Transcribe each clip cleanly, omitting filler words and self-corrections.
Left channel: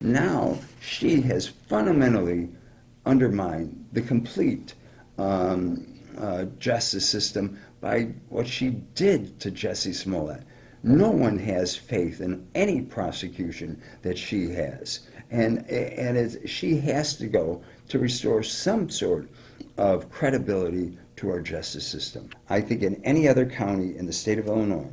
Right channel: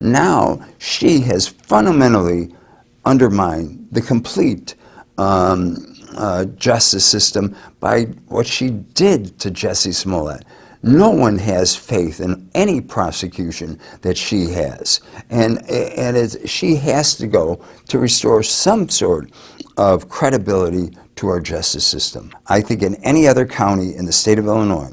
Now she has fundamentally undermined the complete justice system by what she did to Jussie Smollett. No one has faith in any prosecution that she has, and she has to go to restore some sort of credibility to our justice system. I think in any other county in the state of Illinois,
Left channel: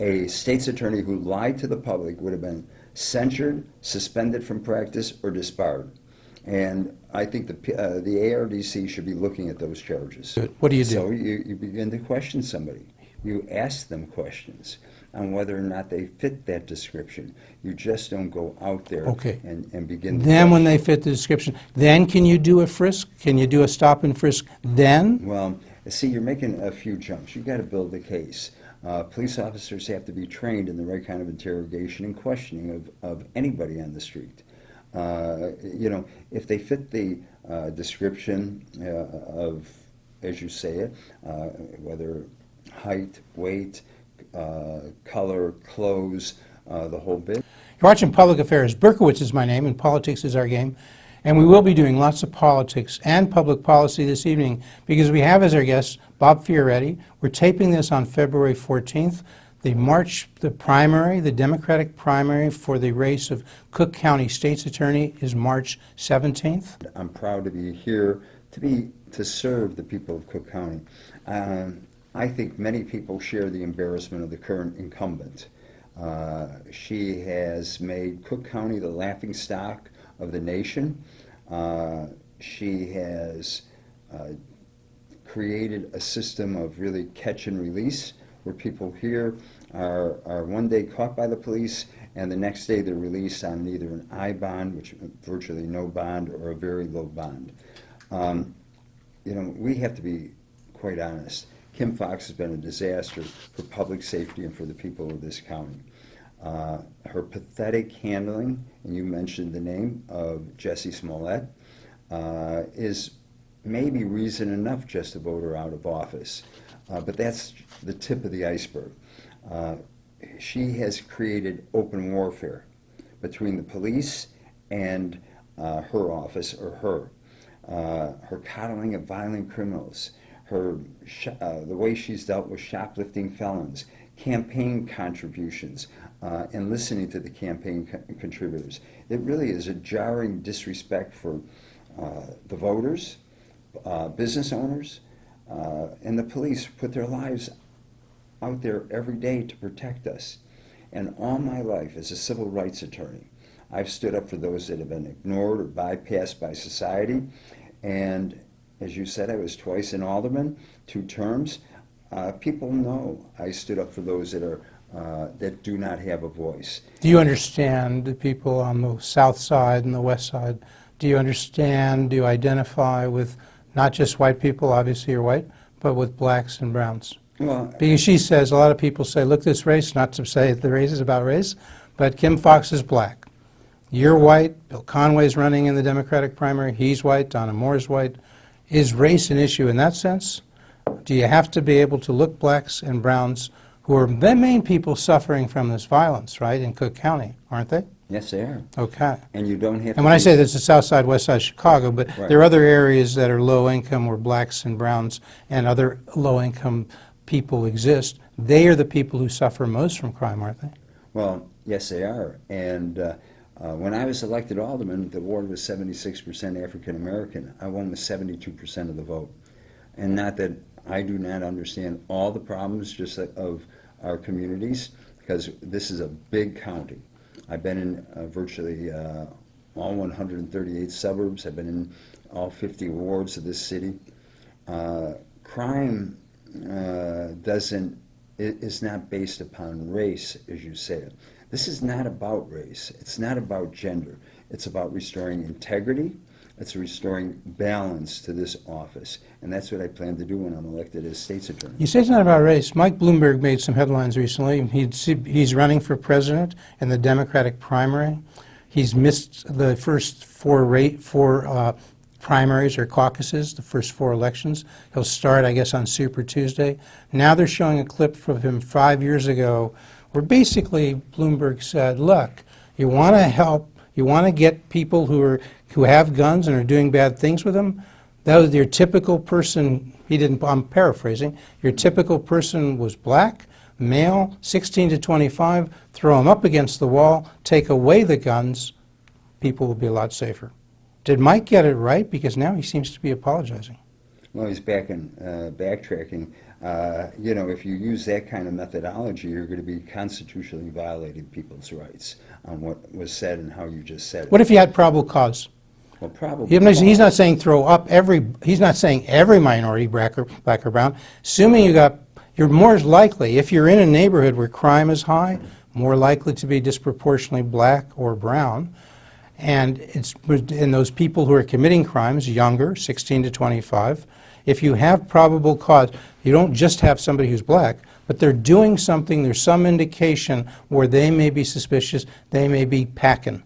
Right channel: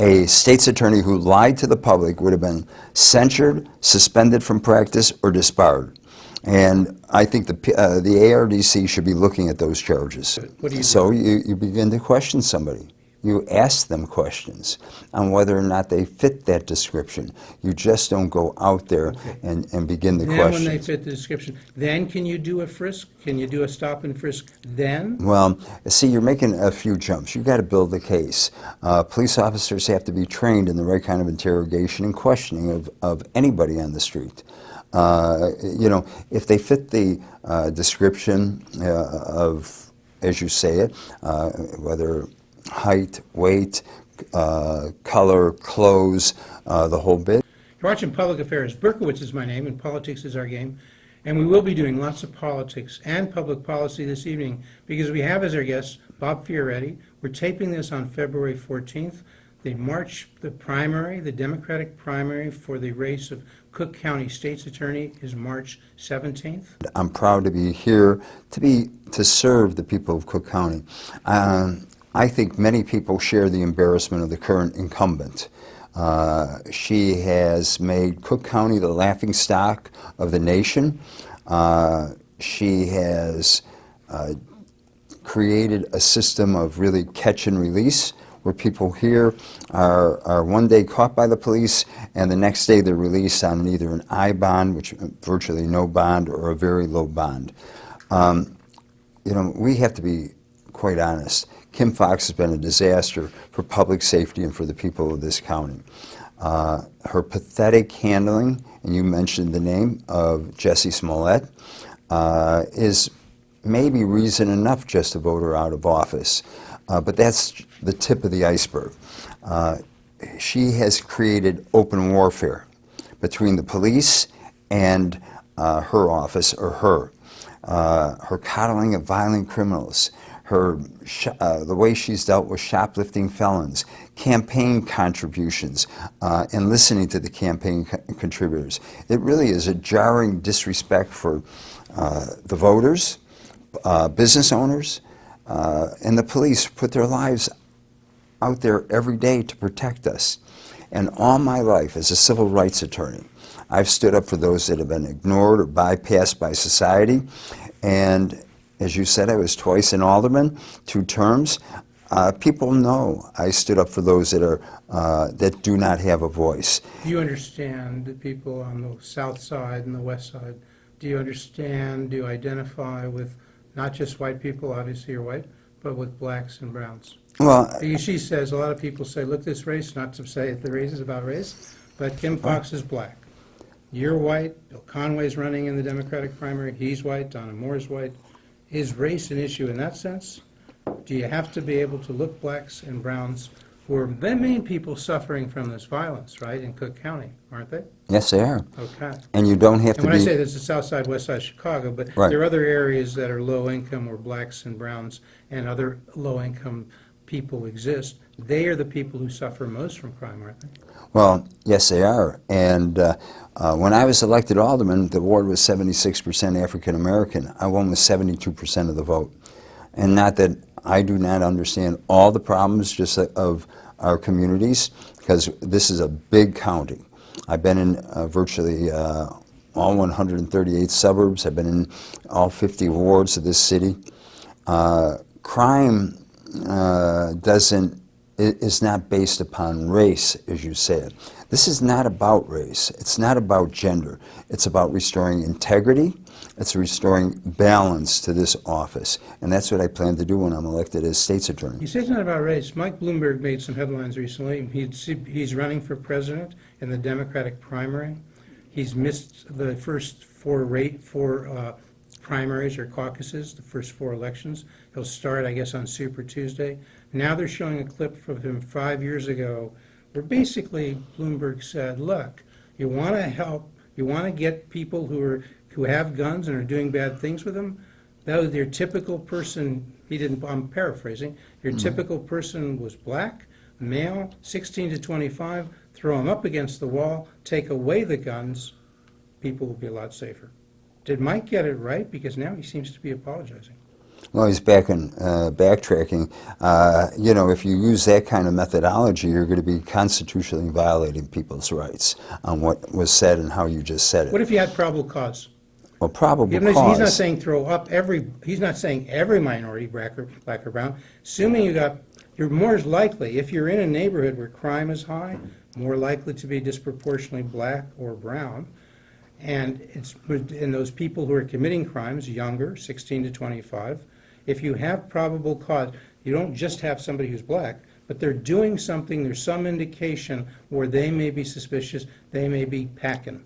a state's attorney who lied to the public would have been censured, suspended from practice, or disbarred. And I think the ARDC should be looking at those charges. What do you do? So you begin to question somebody. You ask them questions on whether or not they fit that description. You just don't go out there and begin the question. Then when they fit the description, then can you do a frisk? Can you do a stop and frisk then? Well, see, you're making a few jumps. You've got to build the case. Police officers have to be trained in the right kind of interrogation and questioning of anybody on the street. You know, if they fit the description of, as you say it, whether height, weight, color, clothes, the whole bit. You're watching Public Affairs. Berkowitz is my name, and politics is our game. And we will be doing lots of politics and public policy this evening because we have as our guest Bob Fioretti. We're taping this on February 14th. The primary, the Democratic primary for the race of Cook County State's Attorney is March 17th. I'm proud to be here to serve the people of Cook County. I think many people share the embarrassment of the current incumbent. She has made Cook County the laughingstock of the nation. She has created a system of really catch and release, where people here are one day caught by the police and the next day they're released on either an I bond, which virtually no bond, or a very low bond. You know, we have to be quite honest. Kim Foxx has been a disaster for public safety and for the people of this county. Her pathetic handling, and you mentioned the name of Jussie Smollett, is maybe reason enough just to vote her out of office. But that's the tip of the iceberg. She has created open warfare between the police and her office, or her coddling of violent criminals, the way she's dealt with shoplifting felons, campaign contributions, and listening to the campaign contributors. It really is a jarring disrespect for the voters, business owners, and the police put their lives out there every day to protect us. And all my life as a civil rights attorney, I've stood up for those that have been ignored or bypassed by society. And as you said, I was twice an alderman, 2 terms. People know I stood up for those that do not have a voice. Do you understand the people on the south side and the west side? Do you understand, do you identify with not just white people, obviously you're white, but with blacks and browns? Well, because she says, a lot of people say, look, this race, not to say the race is about race, but Kim Foxx is black. You're white, Bill Conway's running in the Democratic primary, he's white, Donna Moore's white. Is race an issue in that sense? Do you have to be able to look blacks and browns, who are the main people suffering from this violence, right, in Cook County, aren't they? Yes, they are. Okay. And you don't have to. And when I say this is south side, west side Chicago, but right. There are other areas that are low income where blacks and browns and other low income people exist. They are the people who suffer most from crime, aren't they? Well, yes, they are. And when I was elected alderman, the ward was 76% African American. I won with 72% of the vote. And not that I do not understand all the problems just of our communities, because this is a big county. I've been in virtually all 138 suburbs. I've been in all 50 wards of this city. Crime is not based upon race, as you said. This is not about race. It's not about gender. It's about restoring integrity. It's restoring balance to this office. And that's what I plan to do when I'm elected as state's attorney. You say it's not about race. Mike Bloomberg made some headlines recently. He's running for president in the Democratic primary. He's missed the first four primaries or caucuses, the first 4 elections. He'll start, I guess, on Super Tuesday. Now they're showing a clip from him 5 years ago where basically Bloomberg said, look, you want to help You want to get people who have guns and are doing bad things with them. That was your typical person. I'm paraphrasing. Your typical person was black, male, 16 to 25. Throw them up against the wall, take away the guns. People will be a lot safer. Did Mike get it right? Because now he seems to be apologizing. Well, he's backtracking. You know, if you use that kind of methodology, you're going to be constitutionally violating people's rights on what was said and how you just said it. What if he had probable cause? Well, probable He's not cause. saying throw up he's not saying every minority, black or brown. Assuming you're more likely, if you're in a neighborhood where crime is high, more likely to be disproportionately black or brown. And in those people who are committing crimes, younger, 16 to 25, if you have probable cause, you don't just have somebody who's black, but they're doing something, there's some indication where they may be suspicious, they may be packing.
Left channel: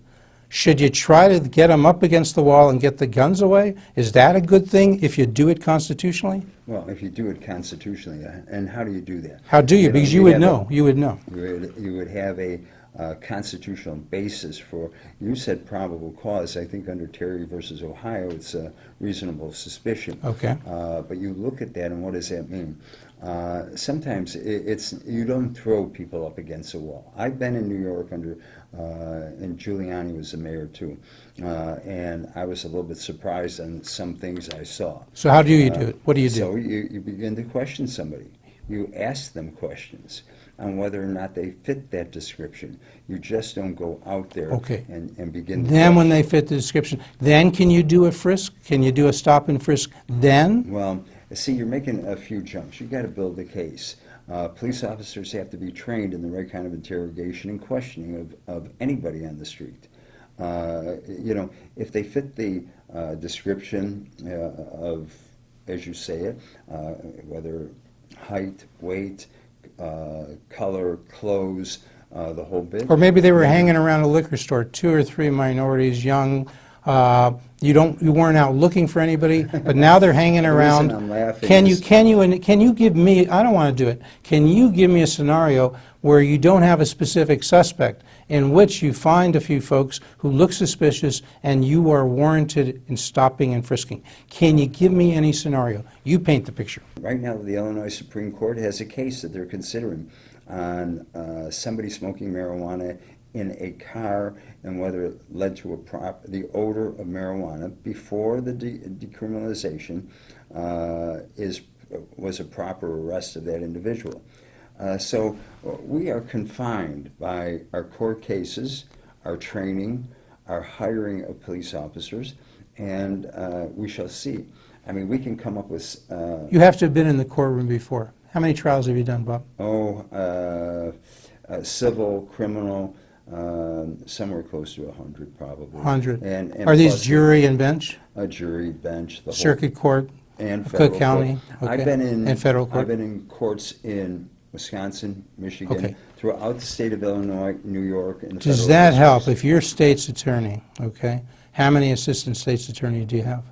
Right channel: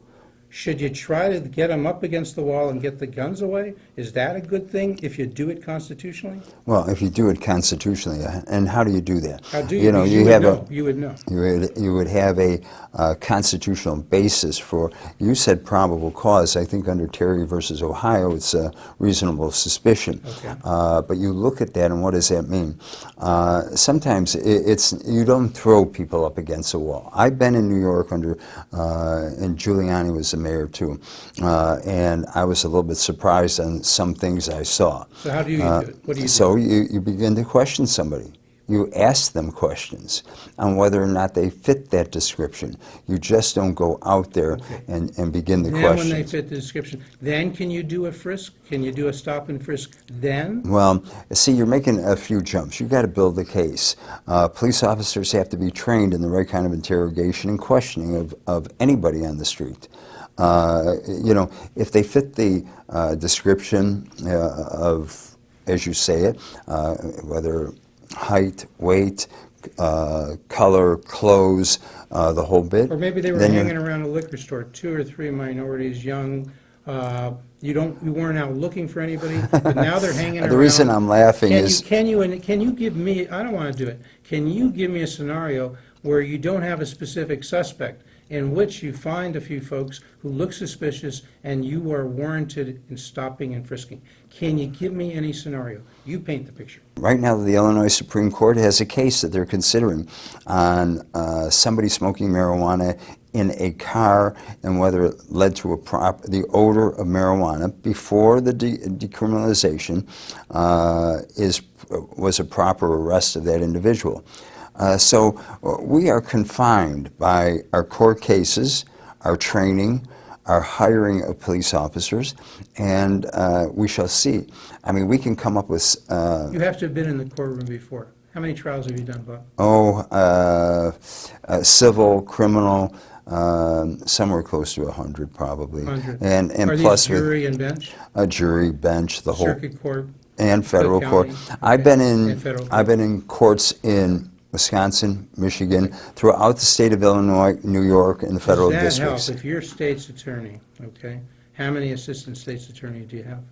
Should you try to get them up against the wall and get the guns away? Is that a good thing if you do it constitutionally? Well, if you do it constitutionally, and how do you do that? How do you? Because you would know. You would know. You would have a constitutional basis for, you said probable cause. I think under Terry versus Ohio, it's a reasonable suspicion. Okay. But you look at that, and what does that mean? Sometimes you don't throw people up against a wall. I've been in New York and Giuliani was the mayor too, and I was a little bit surprised on some things I saw. So how do you do it? What do you do? So you begin to question somebody. You ask them questions on whether or not they fit that description. You just don't go out there and begin the question. Then when they fit the description, then can you do a frisk? Can you do a stop and frisk then? Well, see, you're making a few jumps. You've got to build a case. Police officers have to be trained in the right kind of interrogation and questioning of anybody on the street. You know, if they fit the description of, as you say it, whether height, weight, color, clothes, the whole bit. Or maybe they were hanging around a liquor store, 2 or 3 minorities, young. You weren't out looking for anybody, but now they're hanging around. The reason I'm laughing is... Can you give me, I don't want to do it, can you give me a scenario where you don't have a specific suspect, in which you find a few folks who look suspicious and you are warranted in stopping and frisking? Can you give me any scenario? You paint the picture. Right now, the Illinois Supreme Court has a case that they're considering on somebody smoking marijuana in a car and whether it led to the odor of marijuana before the decriminalization was a proper arrest of that individual. So we are confined by our court cases, our training, our hiring of police officers, and we shall see. I mean, we can come up with... You have to have been in the courtroom before. How many trials have you done, Bob? Civil, criminal, somewhere close to 100 probably. 100. And Are plus these jury and bench? A jury, bench, the whole... Circuit court? And federal court. County? Okay. I've been in... And federal court. I've been in courts in Wisconsin, Michigan, throughout the state of Illinois, New York, and the federal districts. Does that districts. help? If you're state's attorney, okay, how many assistant state's attorneys do you have?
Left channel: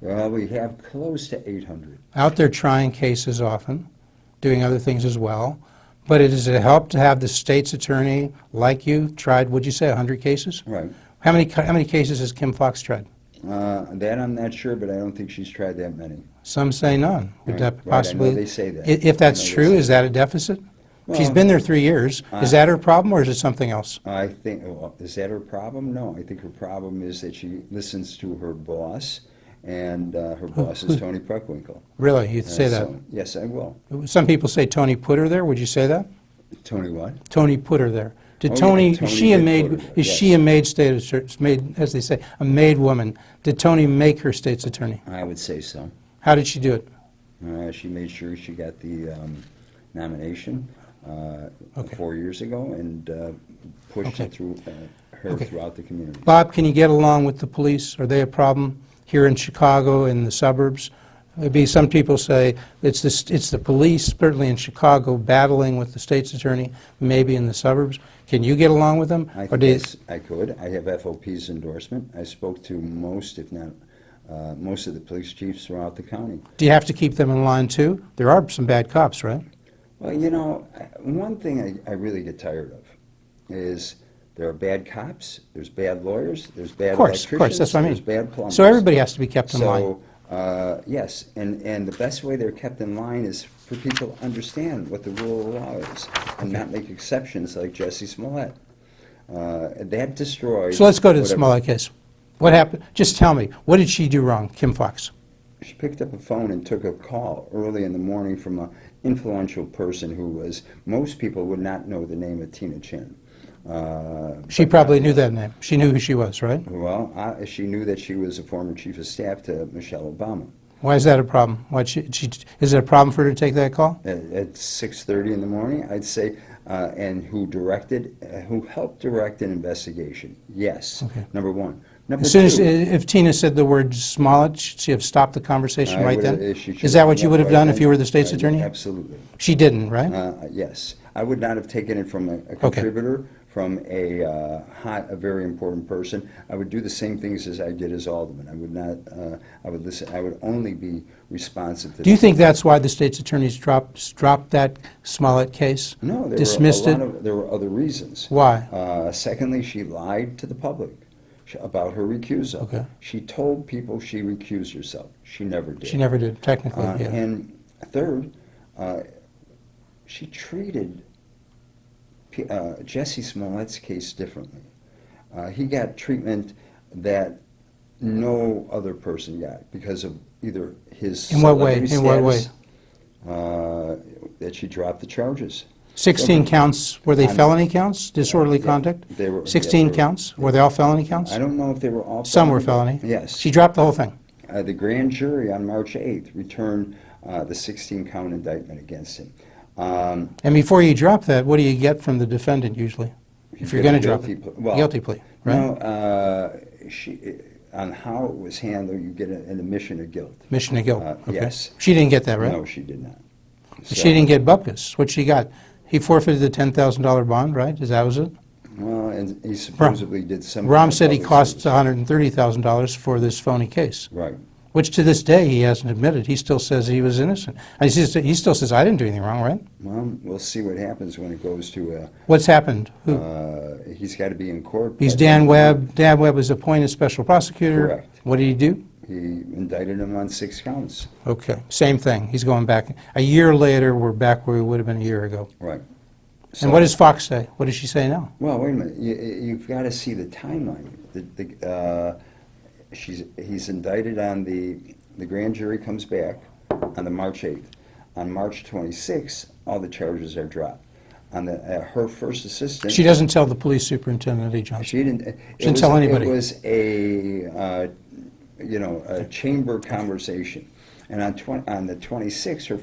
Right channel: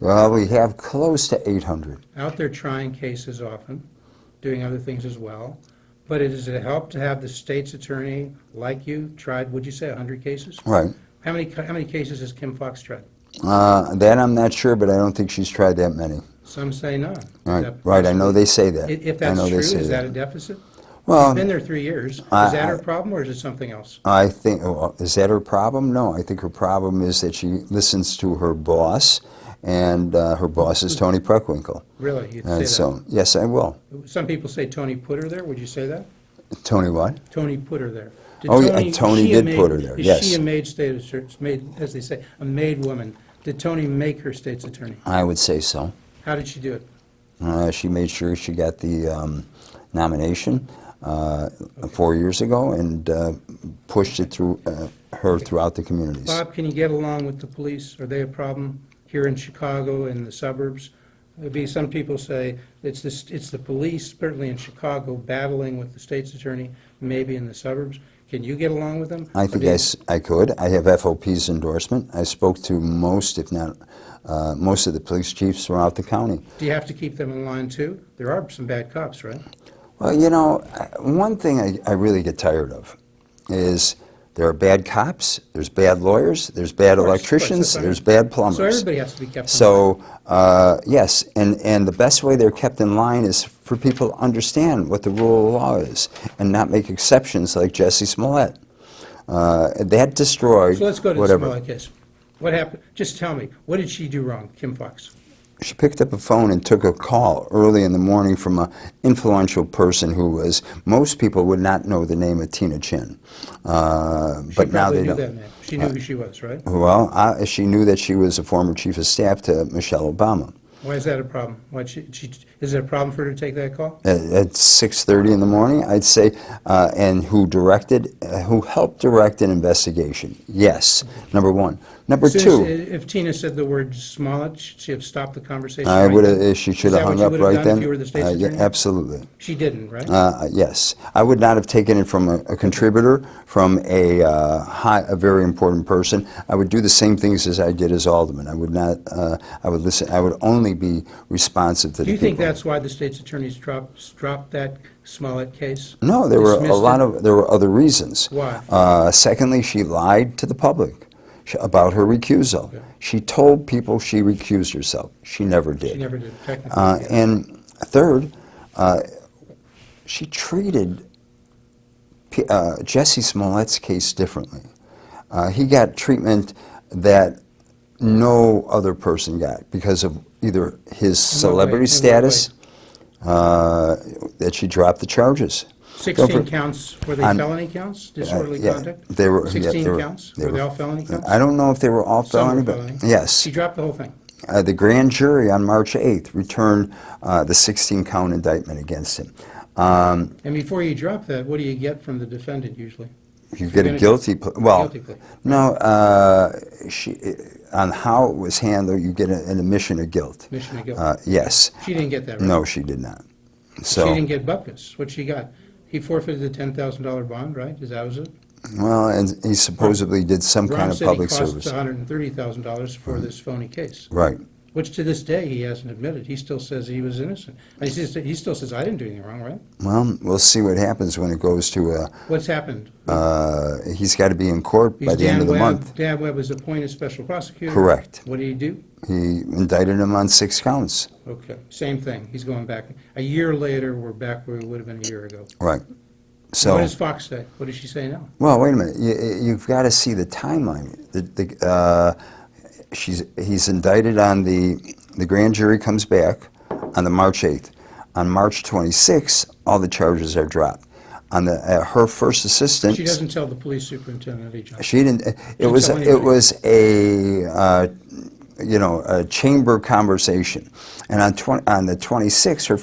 Well, we have close to 800. Out there trying cases often, doing other things as well. But does it help to have the state's attorney like you tried, would you say, 100 cases? Right. How many cases has Kim Foxx tried? That I'm not sure, but I don't think she's tried that many. Some say none. Right, I know they say that. If that's true, is that a deficit? Well, she's been there 3 years. Is that her problem, or is it something else? I think, well, is that her problem? No, I think her problem is that she listens to her boss, and her boss is Tony Preckwinkle. Really? You'd say that? So, yes, I will. Some people say Tony put her there. Would you say that? Tony what? Tony put her there. Did Tony is did put her there, Is yes. she a maid as they say, a maid woman? Did Tony make her state's attorney? I would say so. How did she do it? She made sure she got the nomination 4 years ago and pushed it through throughout the communities. Bob, can you get along with the police? Are they a problem here in Chicago, in the suburbs? Maybe some people say it's the police, certainly in Chicago, battling with the state's attorney, maybe in the suburbs. Can you get along with them? I think I could. I have FOP's endorsement. I spoke to most, if not most of the police chiefs throughout the county. Do you have to keep them in line too? There are some bad cops, right? Well, you know, one thing I really get tired of is There are bad cops, there's bad lawyers, there's bad Of course, electricians, that's what I mean. there's bad plumbers. So everybody has to be kept in line. So, yes, and the best way they're kept in line is for people to understand what the rule of law is and not make exceptions like Jussie Smollett. That destroyed So let's go to the whatever. Smollett case. What happened? Just tell me, what did she do wrong, Kim Foxx? She picked up a phone and took a call early in the morning from an influential person who was, most people would not know the name of Tina Chin. She probably knew that name. She knew who she was, right? Well, she knew that she was a former chief of staff to Michelle Obama. Why is that a problem? Is it a problem for her to take that call? At 6:30 in the morning, I'd say, and who helped direct an investigation? Yes, okay. Number one. Number two. If Tina said the word Smollett, should she have stopped the conversation I right then? Is that what you would have done if you were the state's attorney? Absolutely. She didn't, right? Yes. I would not have taken it from a contributor, from a very important person. I would do the same things as I did as alderman. I would not, I would listen, I would only be responsive to Do you think that's why the state's attorneys dropped that Smollett case? No, there were other reasons. Why? Secondly, she lied to the public about her recusal. Okay. She told people she recused herself. She never did. She never did, technically. Yeah. And third, she treated Jussie Smollett's case differently. He got treatment that no other person got because of either his celebrity status, that she dropped the charges. 16 counts, were they felony counts, disorderly conduct? They were. 16 counts? Were they all felony counts? I don't know if they were all Some felony. were felony. Yes. She dropped the whole thing. The grand jury on March 8th returned the 16-count indictment against him. And before you drop that, what do you get from the defendant usually? You get a guilty plea. Well, guilty plea. Right? No, on how it was handled, you get an admission of guilt. Admission of guilt. Okay. Yes. She didn't get that, right? No, she did not. So, she didn't get bupkis. What she got? He forfeited the $10,000 bond, right? That was it? Well, and he supposedly did some kind of public service. Rahm said he cost $130,000 for this phony case. Right. Which to this day he hasn't admitted. He still says he was innocent. He still says, I didn't do anything wrong, right? Well, we'll see what happens when it goes to What's happened? He's got to be in court. He's Dan Webb. Dan Webb was appointed special prosecutor. Correct. What did he do? He indicted him on 6 counts. Okay. Same thing. He's going back. A year later, we're back where we would have been a year ago. Right. So, and what does Fox say? What does she say now? Well, wait a minute. You've got to see the timeline. He's indicted on the grand jury comes back on the March 8th. On March 26th, all the charges are dropped. On her first assistant, she doesn't tell the police superintendent, John. She didn't. It was a a chamber conversation. And on the 26th, her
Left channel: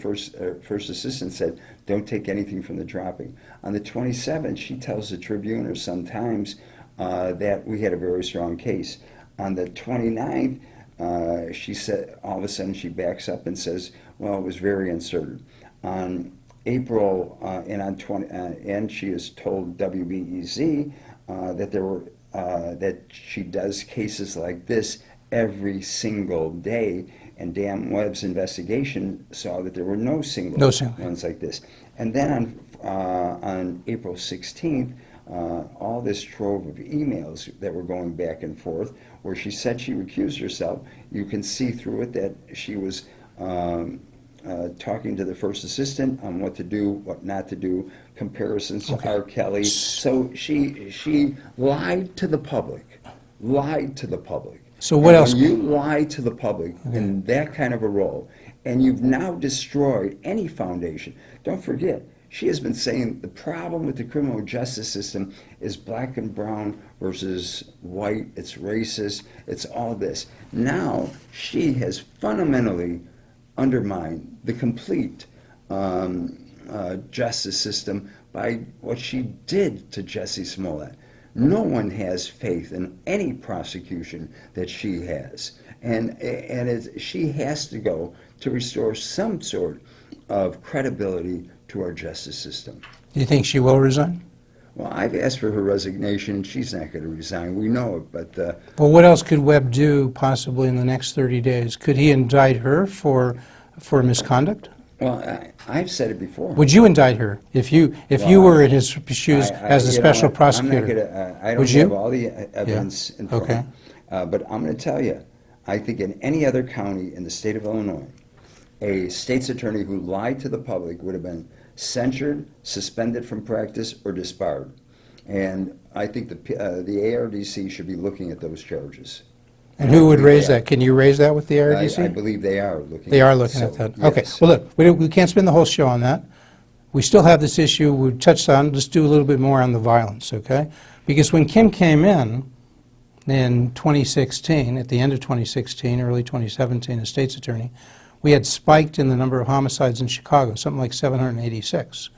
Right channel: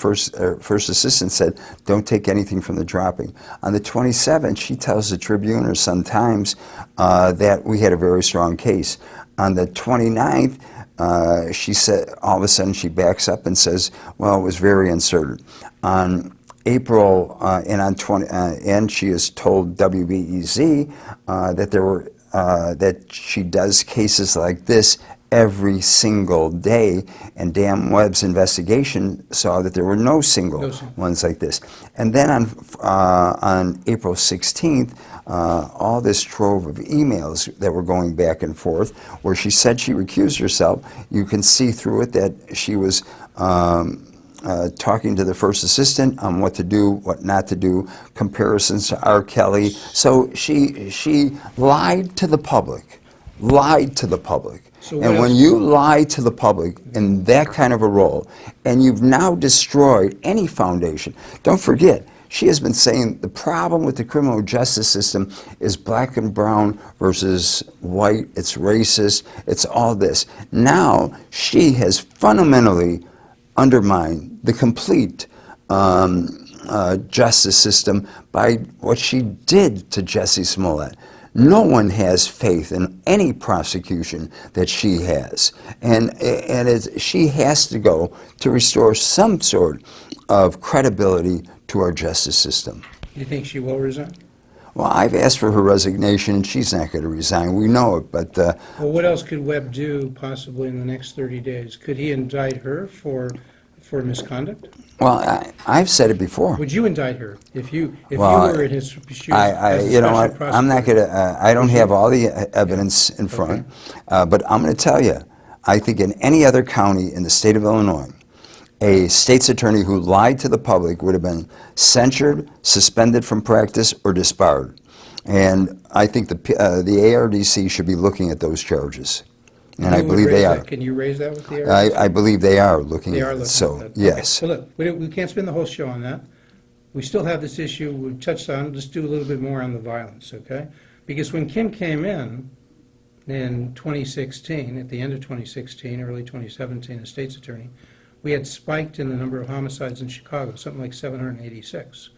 first assistant said, "Don't take anything from the dropping." On the 27th, she tells the Tribune or Sun-Times that we had a very strong case. On the 29th, she said, all of a sudden, she backs up and says, "Well, it was very uncertain." On April and she has told WBEZ that she does cases like this every single day, and Dan Webb's investigation saw that there were no single ones like this. And then on April 16th, all this trove of emails that were going back and forth, where she said she recused herself, you can see through it that she was talking to the first assistant on what to do, what not to do, comparisons to R. Kelly. So she lied to the public, So what else? When you lie to the public in that kind of a role, and you've now destroyed any foundation, don't forget, she has been saying the problem with the criminal justice system is black and brown versus white, it's racist, it's all this. Now she has fundamentally undermined the complete justice system by what she did to Jussie Smollett. No one has faith in any prosecution that she has. And she has to go to restore some sort of credibility to our justice system. Do you think she will resign? Well, I've asked for her resignation, and she's not going to resign. We know it, but... well, what else could Webb do possibly in the next 30 days? Could he indict her for misconduct? Well, I've said it before. Would you indict her if you Well, were in his shoes as a you know special what? prosecutor? I'm not going to, I don't Would have you? all the evidence in front, Okay. but I'm going to tell you, I think in any other county in the state of Illinois, a state's attorney who lied to the public would have been censured, suspended from practice, or disbarred. And I think the ARDC should be looking at those charges. And I who would believe raise they that? are. Can you raise that with the ARDC? I believe they are looking They at are it. looking So, at that. yes. Okay. Well, look, we can't spend the whole show on that. We still have this issue we touched on. Let's do a little bit more on the violence, okay? Because when Kim came in 2016, at the end of 2016, early 2017, as state's attorney, we had spiked in the number of homicides in Chicago, something like 786.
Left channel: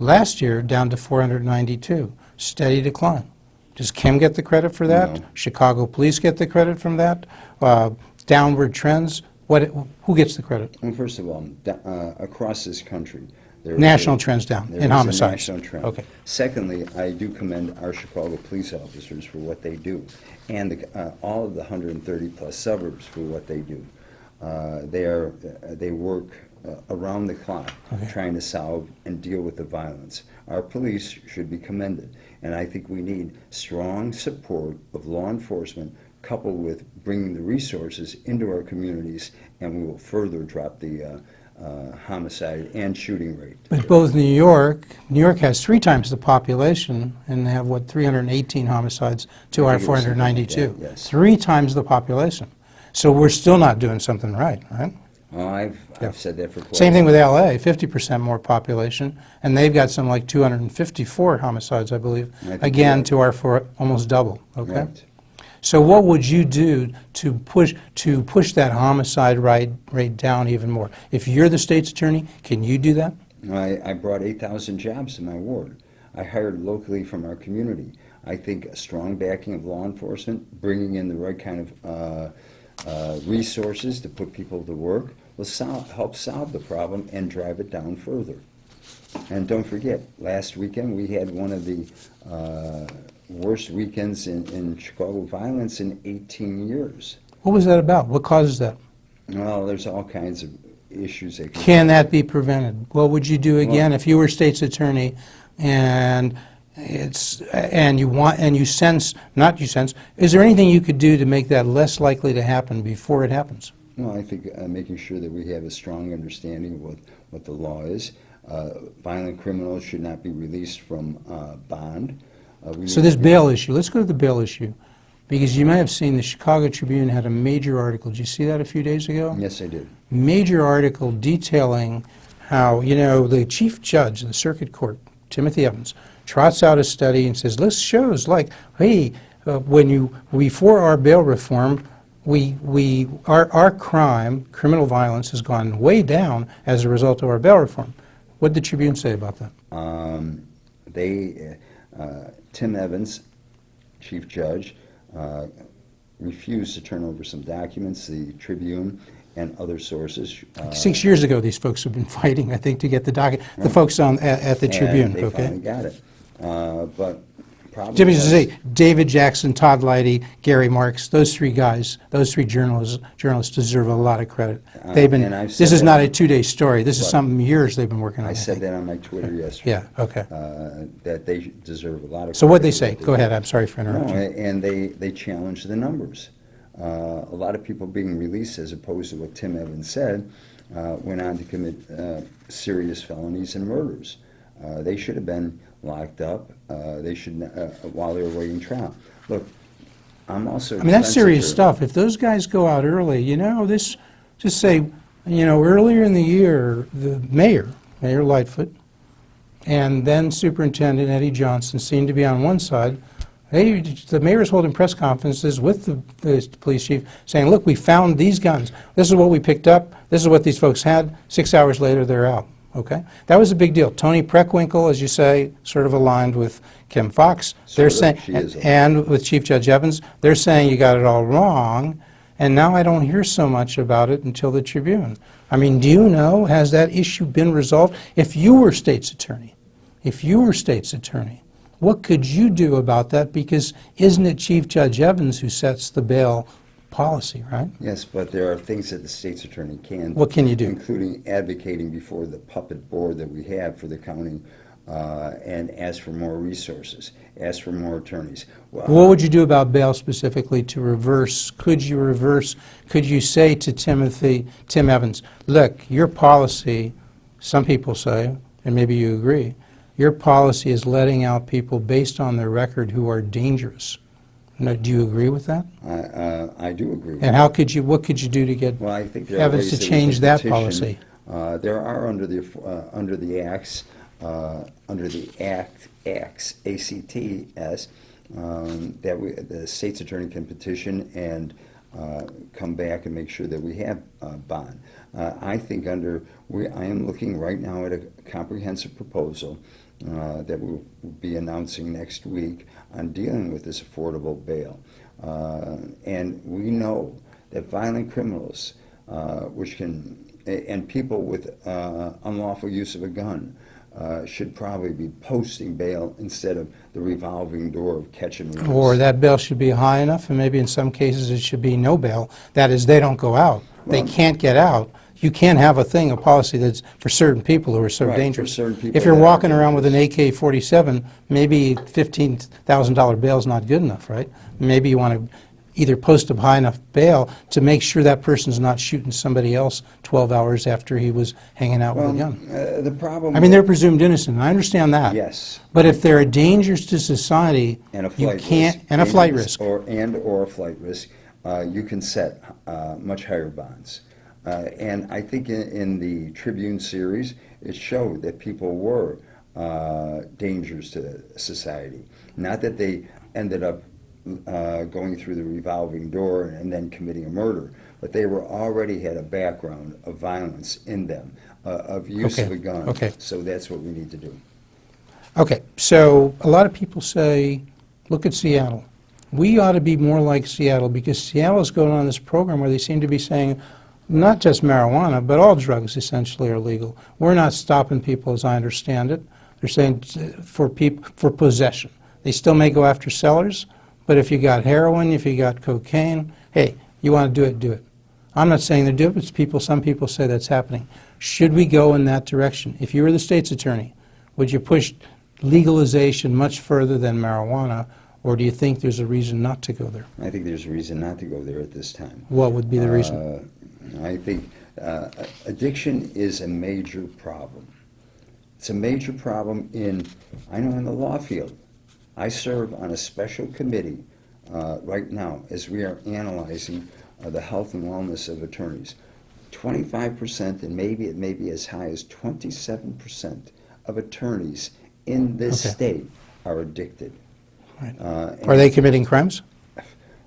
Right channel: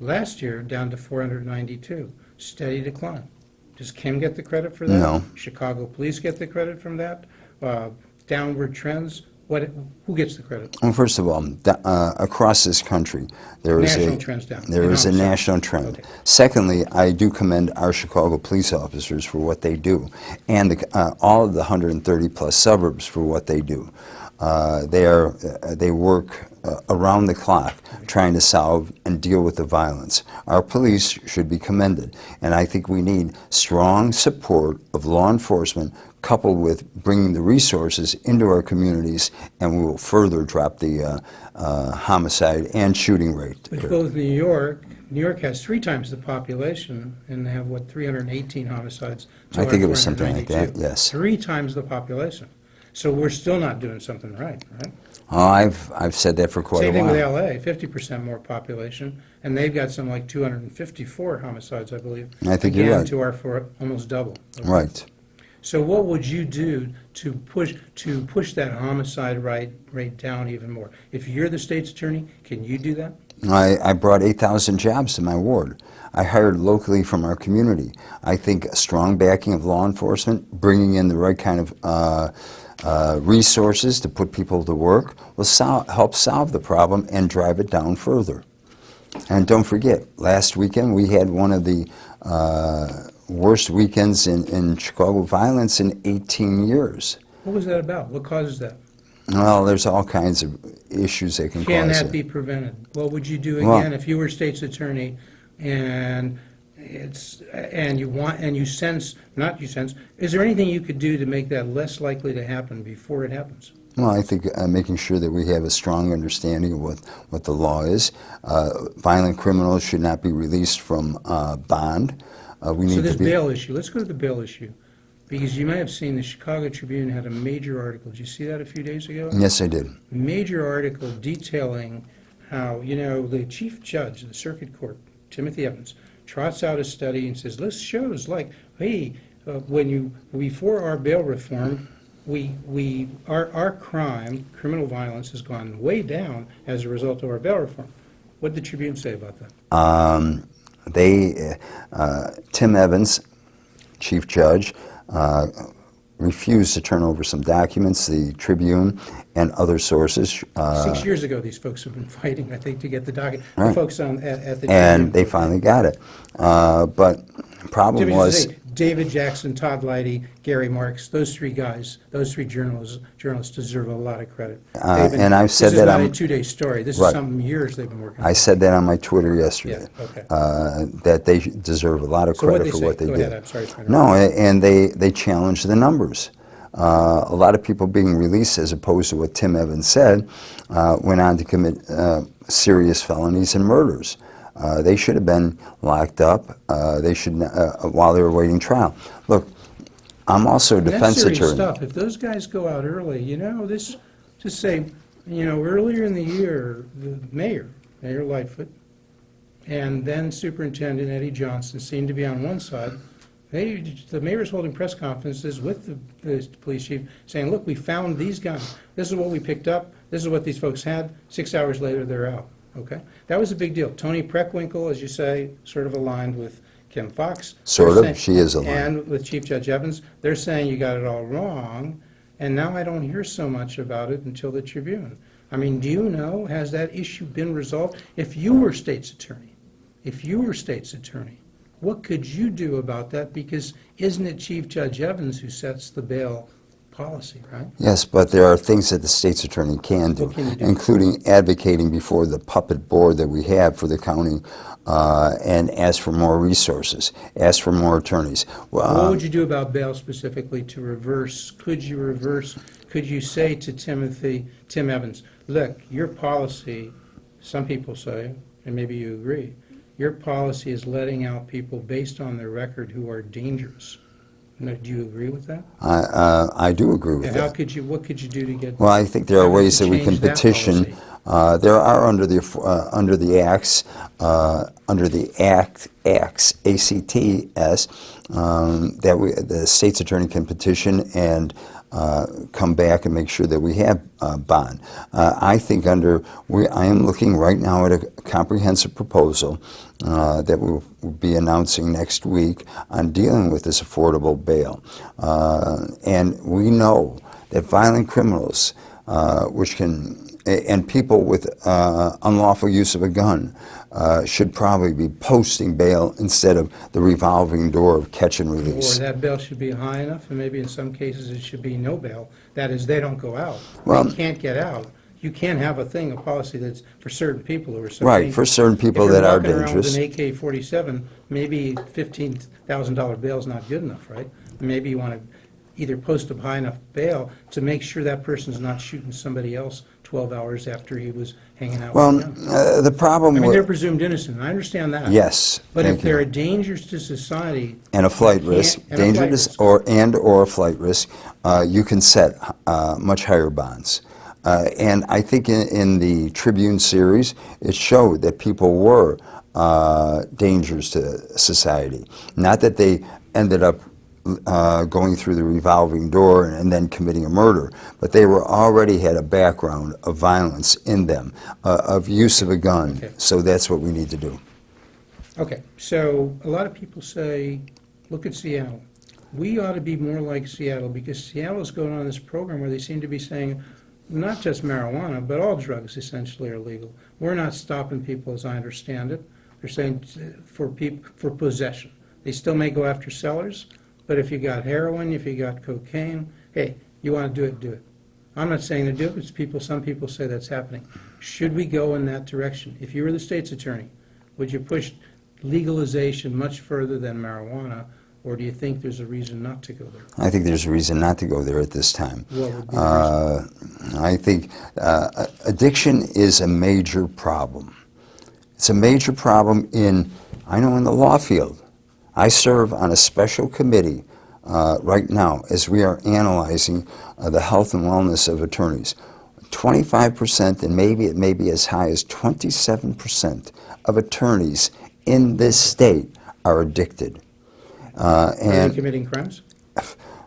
Last year, down to 492. Steady decline. Does Kim get the credit for that? No. Chicago police get the credit from that? Downward trends? Who gets the credit? Well, first of all, across this country, there is National trends down There in is a homicide. national trend. Okay. Secondly, I do commend our Chicago police officers for what they do, and all of the 130-plus suburbs for what they do. They work around the clock trying to solve and deal with the violence. Our police should be commended, and I think we need strong support of law enforcement coupled with bringing the resources into our communities, and we will further drop the homicide and shooting rate. But both New York has 3 times the population, and they have, what, 318 homicides to I our think it was something like 492. that, yes. 3 times the population. So we're still not doing something right? Oh, I've said that for quite Same a thing with while. LA, 50% more population, and they've got some like 254 homicides, I believe. I think you're Again, right. to our almost double. Okay? Right. So what would you do to push that homicide rate down even more? If you're the state's attorney, can you do that? I brought 8,000 jobs to my ward. I hired locally from our community. I think a strong backing of law enforcement, bringing in the right kind of resources to put people to work will help solve the problem and drive it down further. And don't forget, last weekend we had one of the worst weekends in Chicago violence in 18 years. What was that about? What causes that? Well, there's all kinds of issues that can Can cause that it. be prevented? What would you do Well- again if you were state's attorney and is there anything you could do to make that less likely to happen before it happens? Well, I think making sure that we have a strong understanding of what the law is. Violent criminals should not be released from bond. So this bail issue, let's go to the bail issue, because you may have seen the Chicago Tribune had a major article. Did you see that a few days ago? Yes, I did. Major article detailing how, the chief judge of the circuit court, Timothy Evans, trots out a study and says, this shows like, hey, before our bail reform, our criminal violence has gone way down as a result of our bail reform. What did the Tribune say about that? Tim Evans, chief judge, refused to turn over some documents, the Tribune and other sources. 6 years ago, these folks have been fighting, I think, to get the docket. Right. The folks at the Tribune. And they okay. finally got it. But problem Jimmy, was... David Jackson, Todd Leidy, Gary Marks, those 3 guys, those 3 journalists deserve a lot and I've said this is that not I'm- a 2-day story. This is Right. some years they've been working on I it. said that on my Twitter yesterday. Yeah, okay. That they deserve a lot of So credit what they for say? what they Go did. ahead, I'm sorry for No, interrupting. and they challenged the numbers. A lot of people being released, as opposed to what Tim Evans said, went on to commit serious felonies and murders. They should have been locked up. They should while they were waiting trial. Look, I'm also a defense That's serious attorney. stuff. If those guys go out early, just say, earlier in the year, the Mayor Lightfoot, and then Superintendent Eddie Johnson seemed to be on one side. The mayor's holding press conferences with the police chief saying, look, we found these guns. This is what we picked up. This is what these folks had. 6 hours later, they're out. Okay? That was a big deal. Toni Preckwinkle, as you say, sort of aligned with Kim Foxx. Sort of. She is aligned. And with Chief Judge Evans. They're saying you got it all wrong. And now I don't hear so much about it until the Tribune. I mean, do you know, has that issue been resolved? If you were state's attorney, what could you do about that? Because isn't it Chief Judge Evans who sets the bail policy, right? Yes, but there are things that the state's attorney can do. What can you do? Including advocating before the puppet board that we have for the county and ask for more resources, ask for more attorneys. What would you do about bail specifically to reverse? Could you say to Tim Evans, look, your policy, some people say, and maybe you agree, your policy is letting out people based on their record who are dangerous. Now, do you agree with that? I do agree with and that. What could you do to get Well, I think there are ways that we can petition. Policy? There are under the acts, under the acts, ACTS, that the state's attorney can petition and come back and make sure that we have bond. I think I am looking right now at a comprehensive proposal that we'll be announcing next week on dealing with this affordable bail. And we know that violent criminals, and people with unlawful use of a gun, should probably be posting bail instead of the revolving door of catch and release. Or that bail should be high enough, and maybe in some cases it should be no bail. That is, they don't go out. Well, they can't get out. You can't have a policy that's for certain people who are so dangerous. Right, for certain people that are dangerous. If you're walking around with an AK-47, maybe $15,000 bail is not good enough, right? Maybe you want to either post a high enough bail to make sure that person's not shooting somebody else 12 hours after he was hanging out with a gun. The problem... I mean, they're presumed innocent, I understand that. Yes. But if they're dangerous to society... And a flight risk. And a flight risk. Or a flight risk, you can set much higher bonds. And I think in the Tribune series, it showed that people were dangers to society. Not that they ended up going through the revolving door and then committing a murder, but they already had a background of violence in them, of use of a gun. Okay. So that's what we need to do. Okay, so a lot of people say, look at Seattle. We ought to be more like Seattle, because Seattle is going on this program where they seem to be saying, not just marijuana, but all drugs essentially are legal. We're not stopping people, as I understand it. They're saying for possession. They still may go after sellers, but if you got heroin, if you got cocaine, hey, you want to do it, do it. I'm not saying they do it, but some people say that's happening. Should we go in that direction? If you were the state's attorney, would you push legalization much further than marijuana, or do you think there's a reason not to go there? I think there's a reason not to go there at this time. What would be the reason? I think addiction is a major problem. It's a major problem in the law field. I serve on a special committee right now as we are analyzing the health and wellness of attorneys. 25%, and maybe it may be as high as 27% of attorneys in this state are addicted. Right. Are they committing crimes?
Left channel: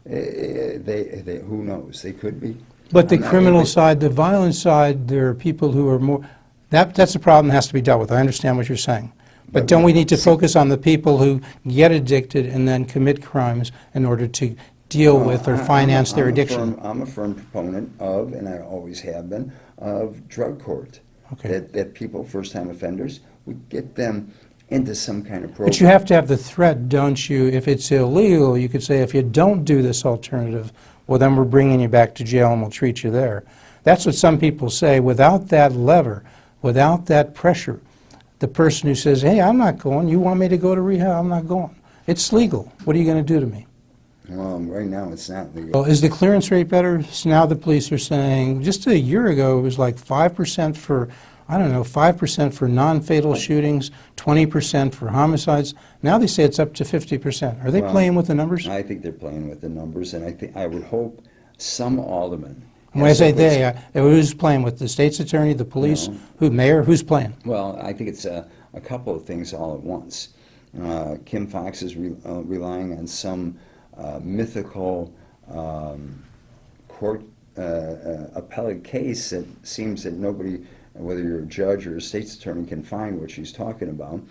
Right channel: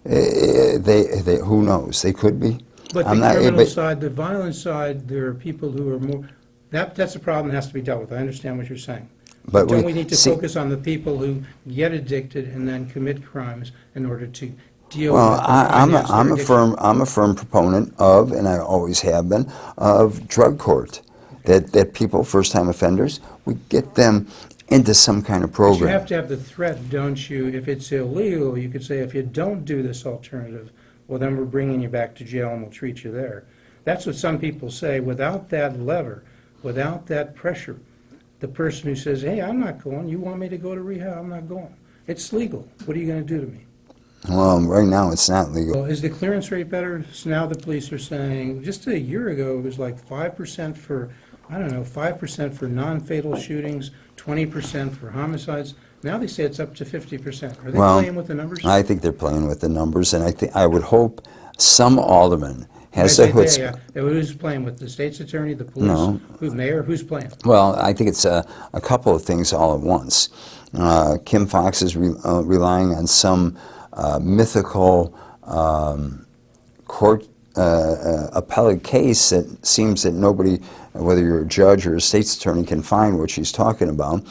Who knows? They could be. But the criminal side, the violent side, there are people who are more... That's a problem that has to be dealt with. I understand what you're saying. But don't we need to focus on the people who get addicted and then commit crimes in order to deal with or finance their addiction? I'm a firm proponent of, and I always have been, of drug court. Okay. That people, first-time offenders, we get them into some kind of program. But you have to have the threat, don't you? If it's illegal, you could say, if you don't do this alternative, well, then we're bringing you back to jail and we'll treat you there. That's what some people say. Without that lever, without that pressure, the person who says, hey, I'm not going, you want me to go to rehab, I'm not going. It's legal. What are you going to do to me? Well, right now it's not legal. Well, is the clearance rate better? So now the police are saying, just a year ago it was like 5% for, I don't know, 5% for non-fatal shootings, 20% for homicides. Now they say it's up to 50%. Are they playing with the numbers? I think they're playing with the numbers, and I would hope some alderman has the who's playing with the state's attorney, the police, mayor, who's playing? Well, I think it's a couple of things all at once. Kim Foxx is relying on some mythical court appellate case that seems that nobody, whether you're a judge or a state's attorney, can find what she's talking about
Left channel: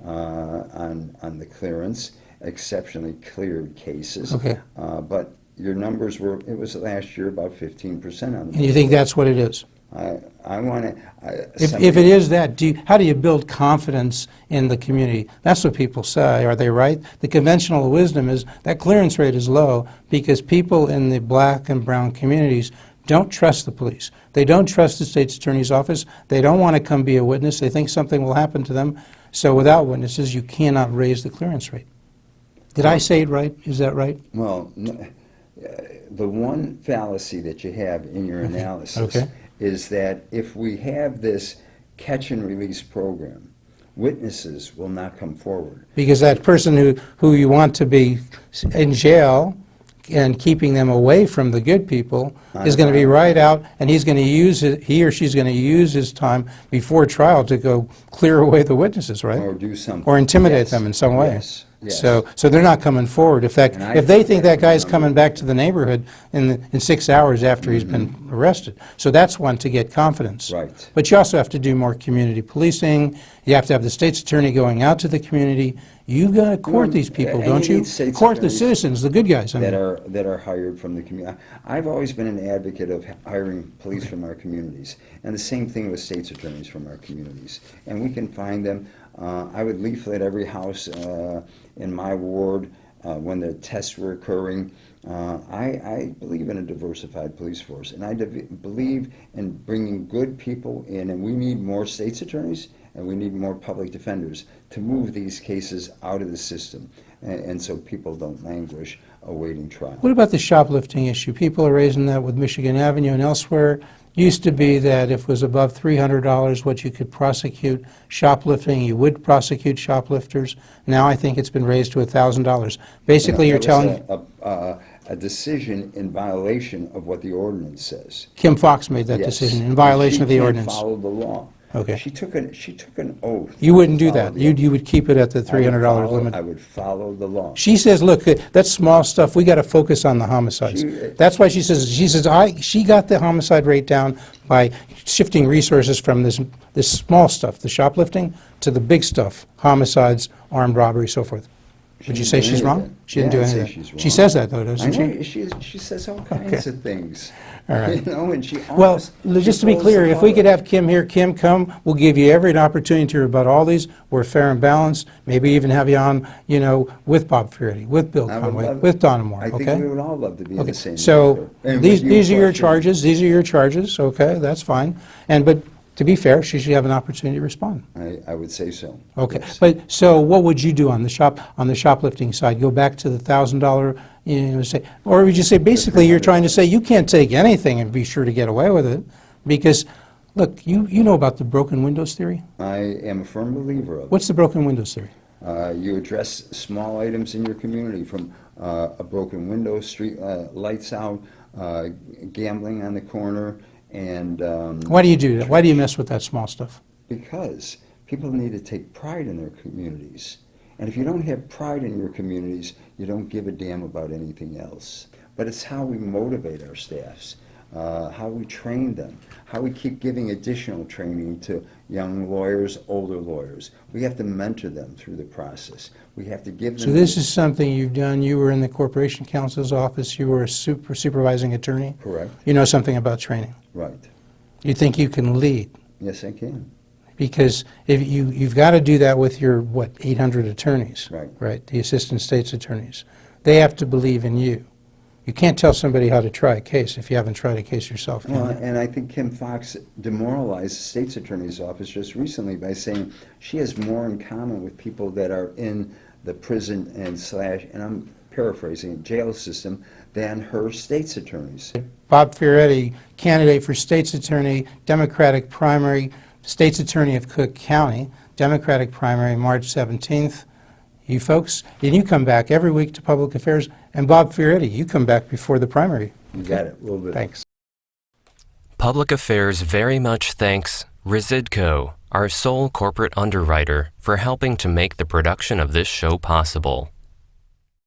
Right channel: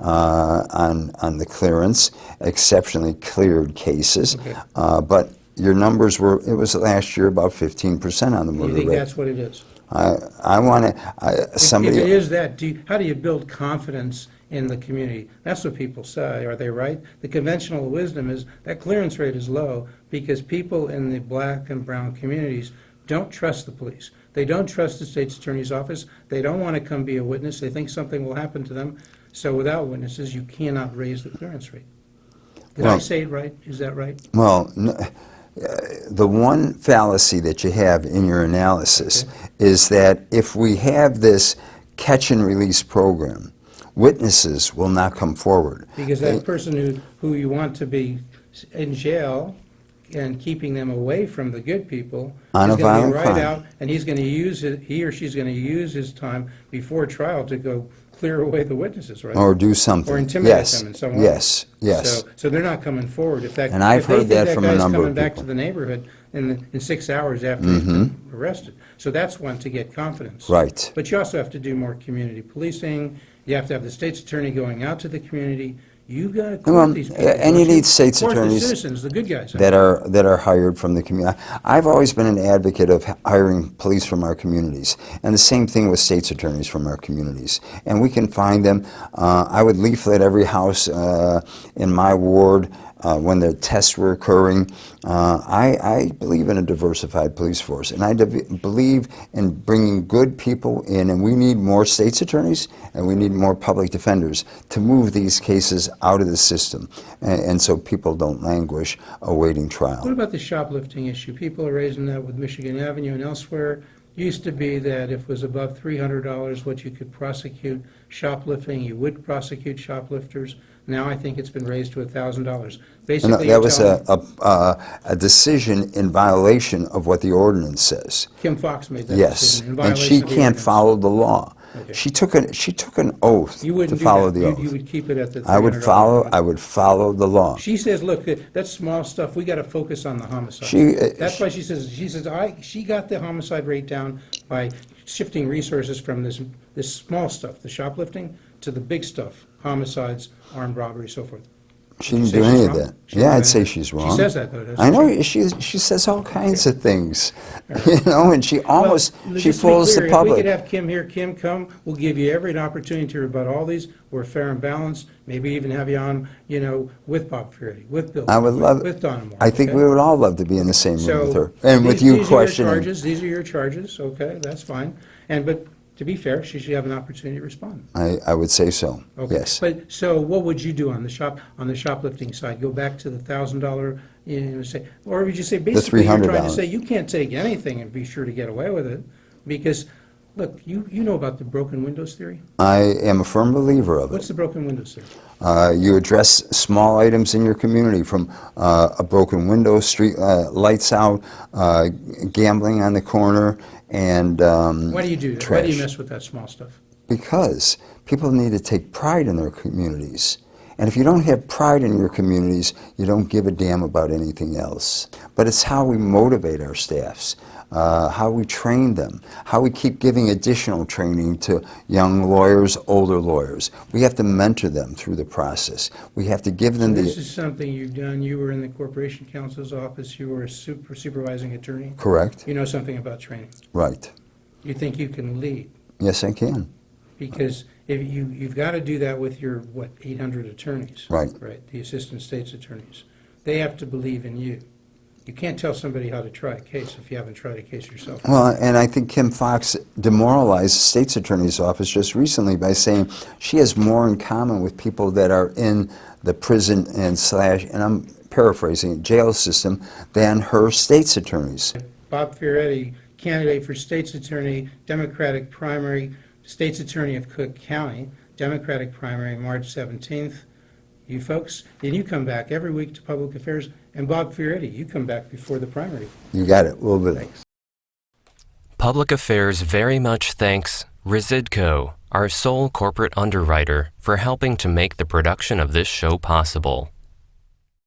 on the clearance, exceptionally cleared cases. Okay. But your numbers it was last year about 15% on the border. You think that's what it is? I want to, If it is that, how do you build confidence in the community? That's what people say. Are they right? The conventional wisdom is that clearance rate is low because people in the black and brown communities don't trust the police. They don't trust the state's attorney's office. They don't want to come be a witness. They think something will happen to them. So without witnesses, you cannot raise the clearance rate. Did I say it right? Is that right? Well, the one fallacy that you have in your analysis is that if we have this catch and release program, witnesses will not come forward. Because that person who you want to be in jail and keeping them away from the good people is going to be right out, and he's going to use it, he or she's going to use his time before trial to go clear away the witnesses, right? Or do something. Or intimidate them in some way. Yes, yes. So they're not coming forward. In fact, if they think that guy's coming back to the neighborhood in 6 hours after he's been arrested. So that's one to get confidence. Right. But you also have to do more community policing. You have to have the state's attorney going out to the community. You've got to court these people, and you need state's court the attorneys citizens, the good guys. that are hired from the community. I've always been an advocate of hiring police from our communities, and the same thing with state's attorneys from our communities. And we can find them. I would leaflet every house in my ward when the tests were occurring. I believe in a diversified police force, and I believe in bringing good people in, and we need more state's attorneys and we need more public defenders to move these cases out of the system, and so people don't languish awaiting trial. What about the shoplifting issue? People are raising that with Michigan Avenue and elsewhere. Used to be that if it was above $300 what you could prosecute shoplifting, you would prosecute shoplifters. Now I think it's been raised to $1,000. Basically, you're telling me... That was a decision in violation of what the ordinance says. Kim Foxx made that decision in violation of the ordinance. And she can't follow the law. Okay. She took an oath. You wouldn't to do follow that. the oath. You would keep it at the $300 limit. I would follow the law. She says, look, that's small stuff. We got to focus on the homicides. That's why she says she got the homicide rate down by shifting resources from this small stuff, the shoplifting, to the big stuff, homicides, armed robbery, so forth. She Would you didn't say do she's any of wrong? that. Yeah, I'd say she's wrong. She says that, though, doesn't she? I know. She says all kinds of things. Right. You know, and she almost just to be clear, if we could have Kim here, Kim, come. We'll give you every opportunity to rebut all these. We're fair and balanced. Maybe even have you on, you know, with Bob Fioretti, with Bill Conway, with Donna Moore. I think we would all love to be in the same room so with her. And these with you are your questioning. charges. These are your charges. Okay, that's fine. But to be fair, she should have an opportunity to respond. I would say so. Okay. Yes. But so what would you do on the shoplifting side? Go back to the $1,000, you know, say, or would you say basically you're trying to say you can't take anything and be sure to get away with it? Because look, you know about the broken windows theory? I am a firm believer of it. What's the broken windows theory? You address small items in your community, from a broken window, street lights out, gambling on the corner, and why do you do that? trash. Why do you mess with that small stuff? Because people need to take pride in their communities. And if you don't have pride in your communities, you don't give a damn about anything else. But it's how we motivate our staffs, how we train them, how we keep giving additional training to young lawyers, older lawyers. We have to mentor them through the process. We have to give them... So this is something you've done. You were in the Corporation Counsel's office. You were a supervising attorney. Correct. You know something about training. Right. You think you can lead. Yes, I can. Because if you've got to do that with your, 800 attorneys. Right. Right, the assistant state's attorneys. They have to believe in you. You can't tell somebody how to try a case if you haven't tried a case yourself. Well, and I think Kim Foxx demoralized the state's attorney's office just recently by saying she has more in common with people that are in the prison and I'm paraphrasing, jail system than her state's attorneys. Bob Fioretti, candidate for state's attorney, Democratic primary, state's attorney of Cook County, Democratic primary, March 17th. You folks, and you come back every week to Public Affairs, and Bob Fioretti, you come back before the primary. You got it, a little bit. Thanks. Public Affairs very much thanks Residco, our sole corporate underwriter, for helping to make the production of this show possible.